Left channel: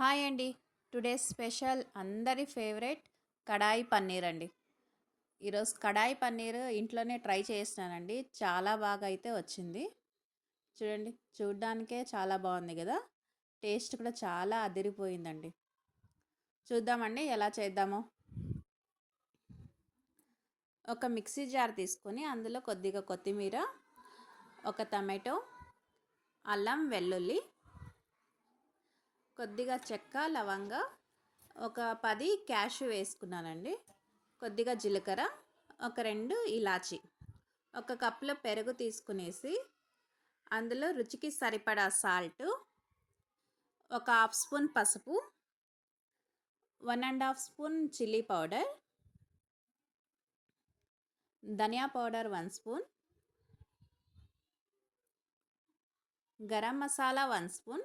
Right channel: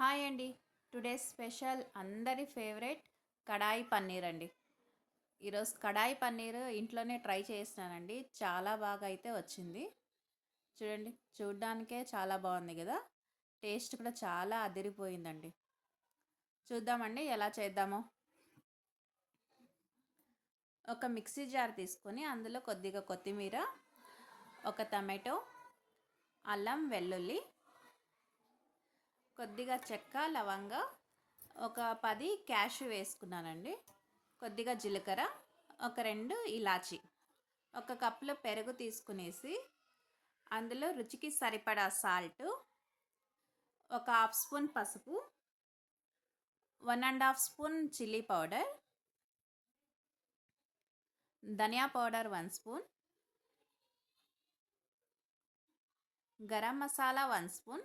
Hi అండి. Today special అందరి favourite కడాయి పన్నీర్ అండి. ఈరోజు కడాయి పన్నీర్ ఇంట్లోనే ట్రై చేసినానండి. చాలా బాగా అయితే వచ్చింది. చూడండి, చూడ్డానికే చాలా బాగుంది కదా. టేస్ట్ కూడా చాలా అదిరిపోయిందండి. చూద్దామండి ఎలా చేద్దామో. ఒక మిక్సీ జార్ తీసుకొని అందులో కొద్దిగా కొత్తిమీర, ఒక టమాటో, అల్లం వెల్లుల్లి, కొద్దిగా చెక్క లవంగ, ఒక 10 క్యాషు వేసుకున్నానండి. కొద్దిగా జీలకర్ర, ఒక 2 ఇలాచి, ఒక కప్పులో పెరుగు తీసుకునేసి అందులో రుచికి సరిపడా సాల్ట్, ఒక హాఫ్ స్పూన్ పసుపు, 1½ స్పూన్ చిల్లీ పౌడర్, ధనియా powder 1 spoon, garam masala 1 spoon,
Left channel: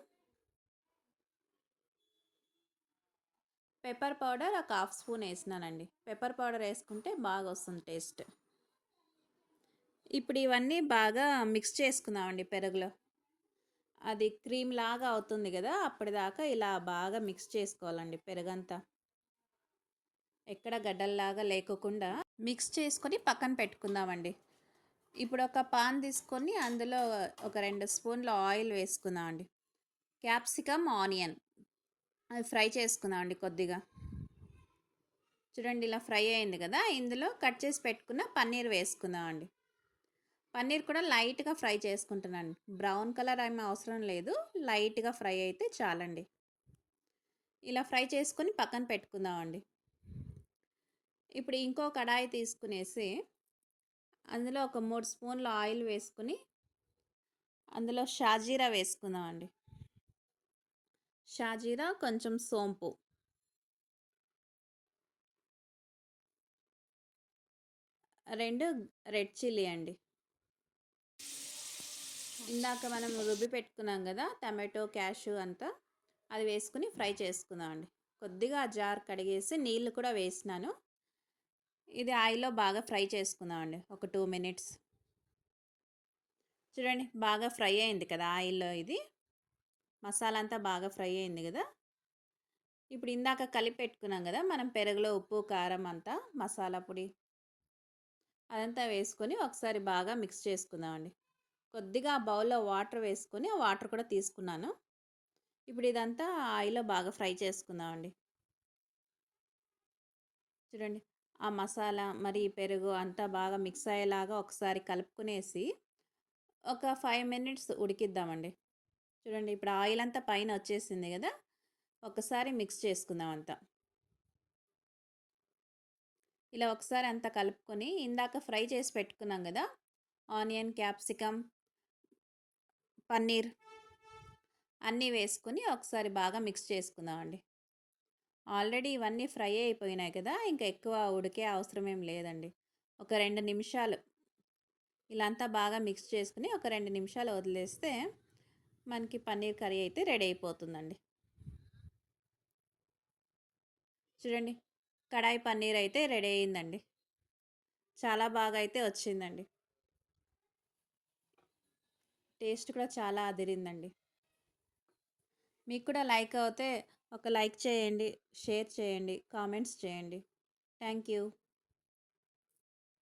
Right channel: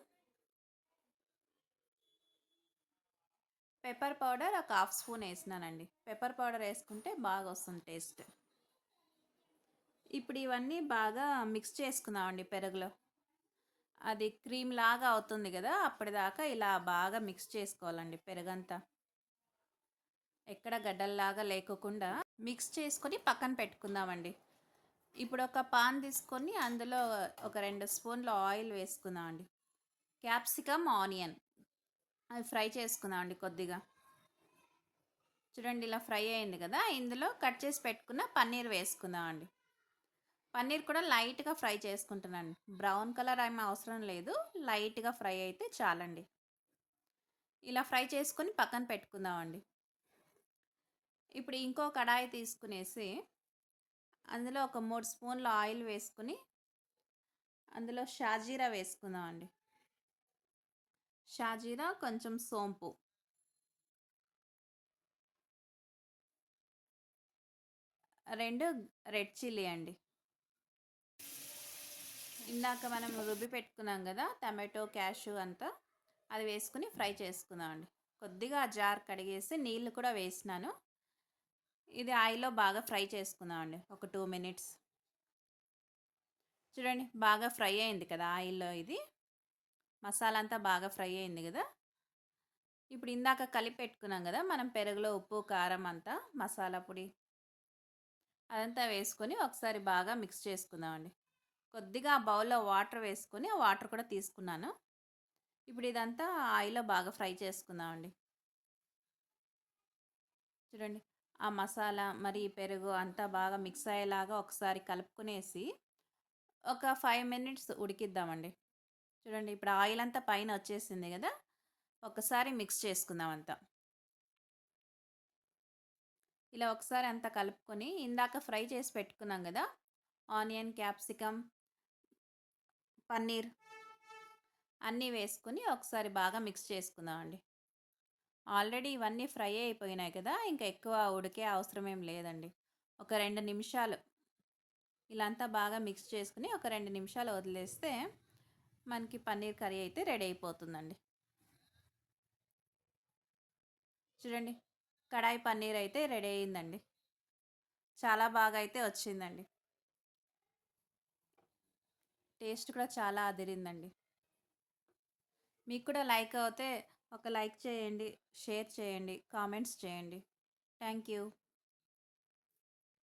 pepper powder ఒక హాఫ్ స్పూన్ వేసినానండి. పెప్పర్ పౌడర్ వేసుకుంటే బాగా వస్తుంది టేస్ట్. ఇప్పుడు ఇవన్నీ బాగా మిక్స్ చేసుకుందామండి పెరుగులో. అది క్రీమ్ లాగా అవుతుంది కదా, అప్పటిదాకా ఇలా బాగా మిక్స్ చేసుకోవాలండి పెరుగంతా. ఎక్కడ గడ్డల్లాగా లేకోకుండా మిక్స్ చేసుకొని పక్కన పెట్టుకుందామండి. ఇప్పుడు ఒక పాన్ తీసుకొని అందులో ఒక 2 స్పూన్ల ఆయిల్ వేసుకుందామండి. క్యాప్సికమ్, ఆనియన్ అది ఫ్రై చేసుకుందామండి కొద్దిగా. చూడండి, ఇలా ఫ్రై అయింది కదా. ఇందులో కట్ చేసి పెట్టుకున్న పన్నీర్ వేసుకుందామండి. పన్నీర్ కూడా లైట్గా ఫ్రై చేసుకుంటున్నాను. బ్రౌన్ కలర్ ఏమీ అవసరం లేదు, లైట్గా ఫ్రై అయితే చాలండి. ఇలా ఫ్రై చేసుకొని పక్కన పెట్టుకుందామండి. ఇప్పుడు ఇంకో కడాయి తీసుకునేసి అందులో ఒక 3 స్పూన్ల ఆయిల్ వేసుకుని అందులో షాజీరా వేసుకుందామండి. షాజీరా, కొంచెం సోంపు, 2 రెడ్ చిల్లీ అండి. ఇందాక మనం రుబ్బి పెట్టుకున్నాం కదా టమాటో, క్యాషు అంతా, అది వేసుకుని ఫ్రై చేసుకుందామండి. కొద్దిగా జార్ కడిగేసి నీళ్ళు కూడా వేసినాను. ఇది ఆయిల్లో బాగా ఫ్రై చేసుకుందామండి ఒక 2 మినిట్స్. చూడండి, బాగా ఫ్రై అయింది కదా ఆయిల్లో. ఇది మసాలా అంతా బాగా ఫ్రై అయింది కదా. ఇప్పుడు ఇందాక కలిపి పెట్టుకున్నాం కదా మనం పెరుగులో ఉప్పు, కారం అంతా, మసాలా పొడి అదంతా వేసుకొని ఒకసారి బాగా మిక్స్ చేసుకుందామండి. కొద్దిగా బౌల్లో వాటర్ వేసుకొని ఆ వాటర్ కూడా తీసుకున్నాను. ఇప్పుడు ఇదంతా ఆయిల్లో బాగా ఫ్రై చేసుకుందామండి. చూడండి, ఆ మసాలా మరి పెరుగు అంతా బాగా మిక్స్ అయ్యేలాగా ఒకసారి కలుపుకునేసి ఒక 5 మినిట్స్ ఉడికిద్దామండి. చూడండి, ఇప్పుడు ఆయిల్ అంతా పైన వచ్చేసింది కదా. ఒకసారి మిక్స్ చేసుకుందాం అంతా. ఇలా ఒకసారి అంతా కలుపుకొని ఇందాక ఫ్రై చేసి పెట్టుకున్నాం కదా ఆనియన్, క్యాప్సికమ్, పన్నీర్ అన్నీ వేసుకొని ఒకసారి బాగా మిక్స్ చేసుకుందామండి. ఆల్రెడీ ఇవన్నీ ఫ్రై అయిపోయినాయి కదా, ఇంకా ఎక్కువ ఉడికే అవసరం ఏం లేదండి. ఒక 2 నిమిషాలు ఇలా అంతా బాగా మిక్స్ చేసుకుని ఒక 2 నిమిషాలు వదిలేస్తే మనకి పన్నీర్ కర్రీ అయితే రెడీ అయిపోతుందండి. చూడండి, కడాయి పన్నీర్ అయితే రెడీ అయిందండి. చాలా బాగా అయితే వచ్చిందండి. టేస్ట్ కూడా చాలా అదిరిందండి. మీకు కూడా లైక్ అవుతే ఒక లైక్ చేయండి, షేర్ చేయండి, కామెంట్స్ చేయండి. Thank you.